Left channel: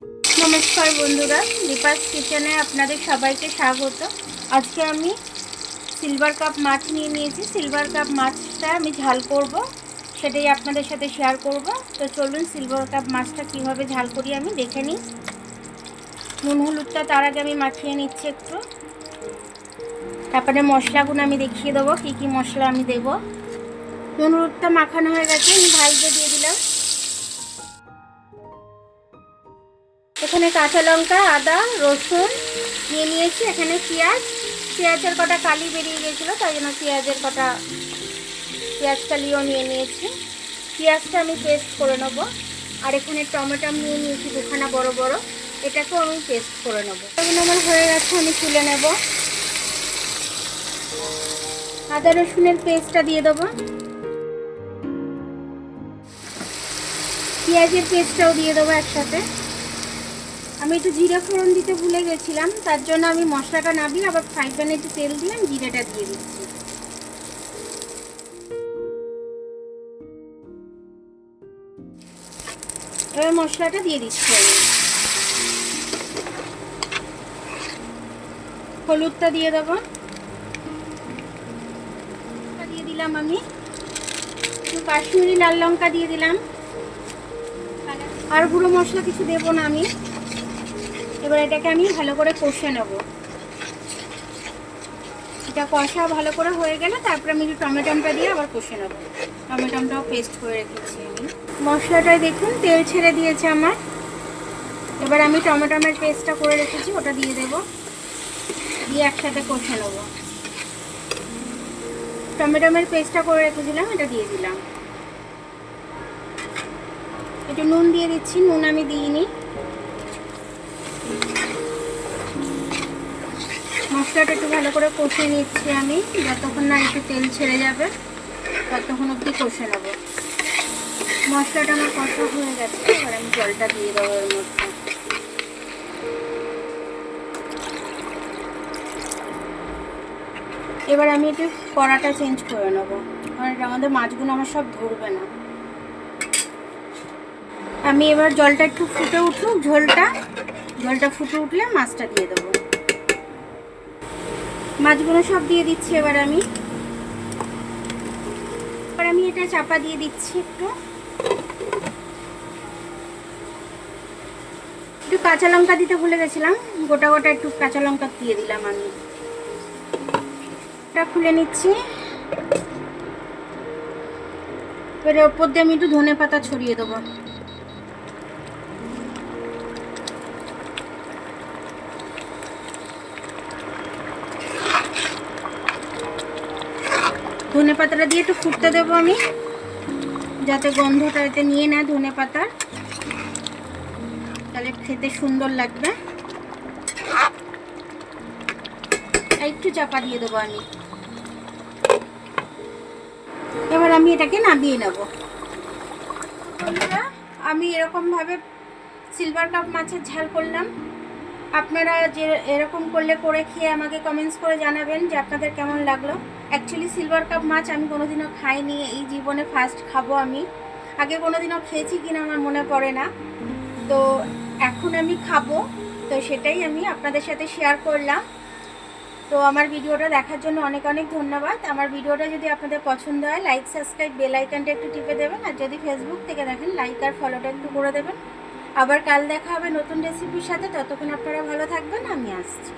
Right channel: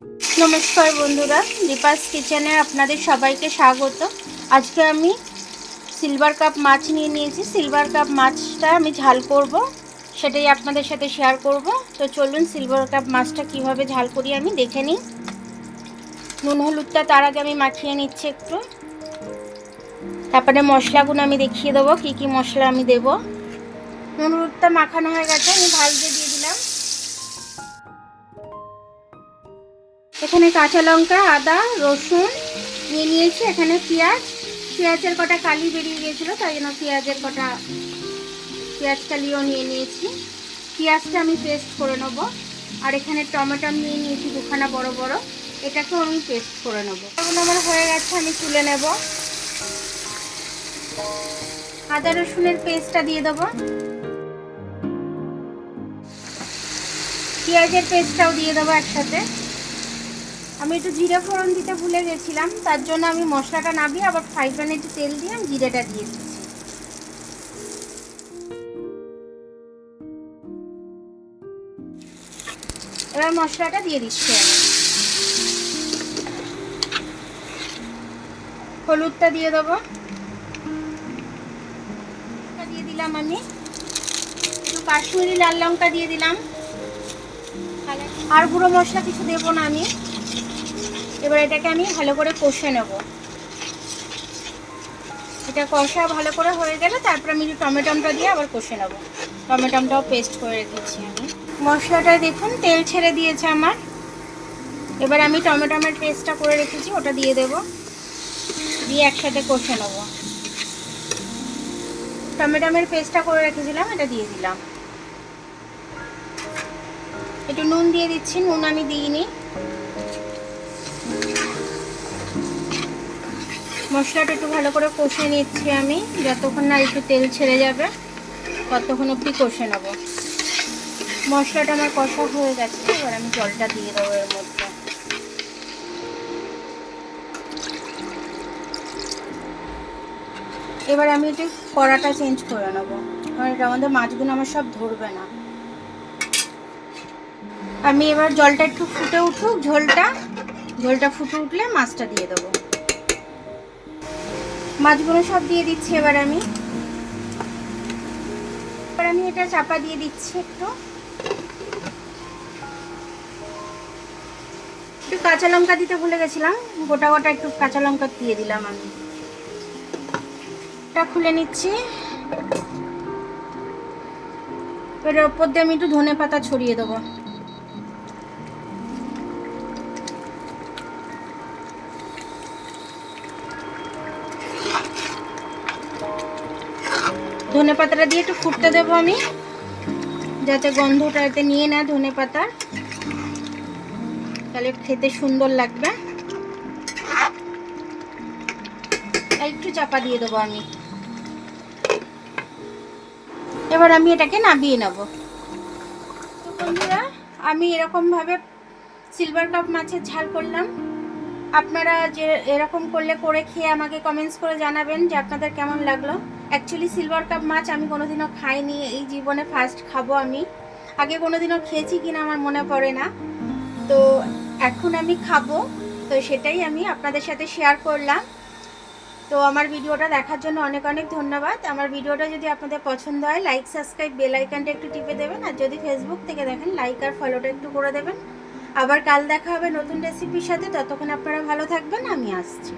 নমস্কার বন্ধুরা, দীপাস কিচেনে আপনাদের সবাইকে স্বাগত। আজকে আমি সিলভার কাপ মাছ নিয়ে নিয়েছি। সিলভার কাপ মাছটা আমি ঝাল করব, সেটাই আপনাদের সাথে শেয়ার করব। তো চলুন সিলভার কাপ মাছটা কীভাবে ঝাল করি আমি দেখে নিই। নুন, হলুদটা তার আগে আমি মাখিয়ে নিচ্ছি একটু। তারপরে মশলাগুলো আমি দেখিয়ে দেবো, কী কী মশলা আমি দেবো। নুন, হলুদটা মাখানো হয়ে গেছে, আমি ঝাল দিয়ে এখানে কাঁচা লঙ্কা, আদা, রসুন নিয়ে নিয়েছি, এখানে পেঁয়াজ। পেঁয়াজের কটা কালি বেরিয়ে গিয়েছিল তাই জন্য পেঁয়াজের কটা পেঁয়াজ কালিও নিয়ে নিয়েছি। পেঁয়াজটা আমি পেস্ট করে নেব। আর এখানে টমেটো নিয়ে নিয়েছি দুখানা বড় বড়। এটাকেও আমি পেস্ট করে নেব। এখন আমার হয়ে গেছে, আমি তুলে নেব। আদা, রসুনের পেস্টটা দিয়ে দেবো। পেঁয়াজের পেস্টটাও দিয়ে দেবো একসাথে। আমি একটু জিরে ফোড়ন দিতে ভুলে গেছিলাম, তার জন্য আমি মশলাটা নামিয়ে আবার ফ্রাই প্যানে একটু তেল দিয়ে আমি জিরেটা দিয়ে দিচ্ছি। এবার মশলাটা দিয়ে দিচ্ছি হলুদটা দিয়ে দেবো। দিয়ে দিলাম আমি। একটু কাশ্মীরি লাল লঙ্কা দিয়ে দিলাম। আর গুঁড়ো মশলা কিছু দেবো না আমি। এবার এটাকে আমি ভালো করে কষে নেব। এটা কষা ভালো করে হয়ে গেলে তারপরে আমি যে টমেটোমটা দিয়ে আবার কষে নেব। টমেটোমটাও পেস্ট করে রেখেছি আমি। মশলাটা দেখুন, তেল ছেড়ে দিয়েছে আমার। এবার আমি টমেটোমের পেস্টটা করে রেখেছি, ওটা দিয়ে দেব। দিয়ে একসাথে কষে নেব। টমেটোমের পেস্টটা করে রেখেছিলাম, এটা দিয়ে দিলাম। একটু নুন দিয়ে দিচ্ছি, নুন আমি দিইনি। মশলাটা একটু ভালো করে কষে নিচ্ছি আমি। যতক্ষণ না একটু তেল ছেড়ে যাবে, ততক্ষণ একটু কষে নেব। মশলাটা আমার কষা হয়ে গেছে, এবার আমি জলটা দিয়ে দেবো এর মধ্যে। এবার আমি একটু কড়াটা চেঞ্জ করে নেব। কারণ এটার মধ্যে মাছগুলো আমার সব ধরবে না। আমি এবার জলটা একটু ফুটে উঠুক, ঝোলটা। ঝোলটা ফুটে উঠলে মাছটা দিয়ে দেবো। মাছগুলো সব দিয়ে দিচ্ছি এবার আমি। এবার আমি এটা চাপা দিয়ে দিচ্ছি একটু। একটু কাঁচা লঙ্কা দিতে ভুলে গেছিলাম। গোটা গোটা একটু কাঁচা লঙ্কা দিয়ে দিলাম আমি। এটা খুলে নিচ্ছি। এর ওপর দিয়ে আমি একটু ধনে পাতা ছড়িয়ে দেবো। ধনে পাতাটা দিয়ে একটু ফুটতে দেবো আমি। যাতে গন্ধটা এতে নিয়ে নেয় ধনে পাতা। তাহলে খেতে সুন্দর লাগবে। একটু চাপা দিয়ে দেবো আমি। এবার আমি এটাকে নামিয়ে নেব। আমি এরকমভাবে সিলভার কাপ মাছের ঝাল করলাম। আপনারা যে এরকম করলে করে খেয়ে আমাকে কমেন্টস করে জানাবেন যে আপনাদের কেমন লাগল। অ্যাকচুয়ালি সিলভার কাপ মাছ আমি কোনোদিনও খাইনি, এই জীবনে ফার্স্ট খাব আমি। আগে কোনোদিনও খেয়েছি কিনা আমার মনে পড়ে না। তো এখন আমি খাব, তো সেটাই আমি আপনাদের সাথে শেয়ার করলাম। তো আমার ভিডিওটা দেখার জন্য অনেক অনেক ধন্যবাদ। আমার ভিডিওটা যদি আপনাদের পছন্দ হয় লাইক সাবস্ক্রাইব বেল আইকনটা একটু টিপে দেবেন। আর যদি ফেসবুক থেকে দেখেন লাইক আর ফলোটা একটু করে দেবেন। আবার কাল দেখা হবে নতুন রেসিপির সাথে। ততক্ষণ আপনারা ভালো থাকবেন আমি আসছি।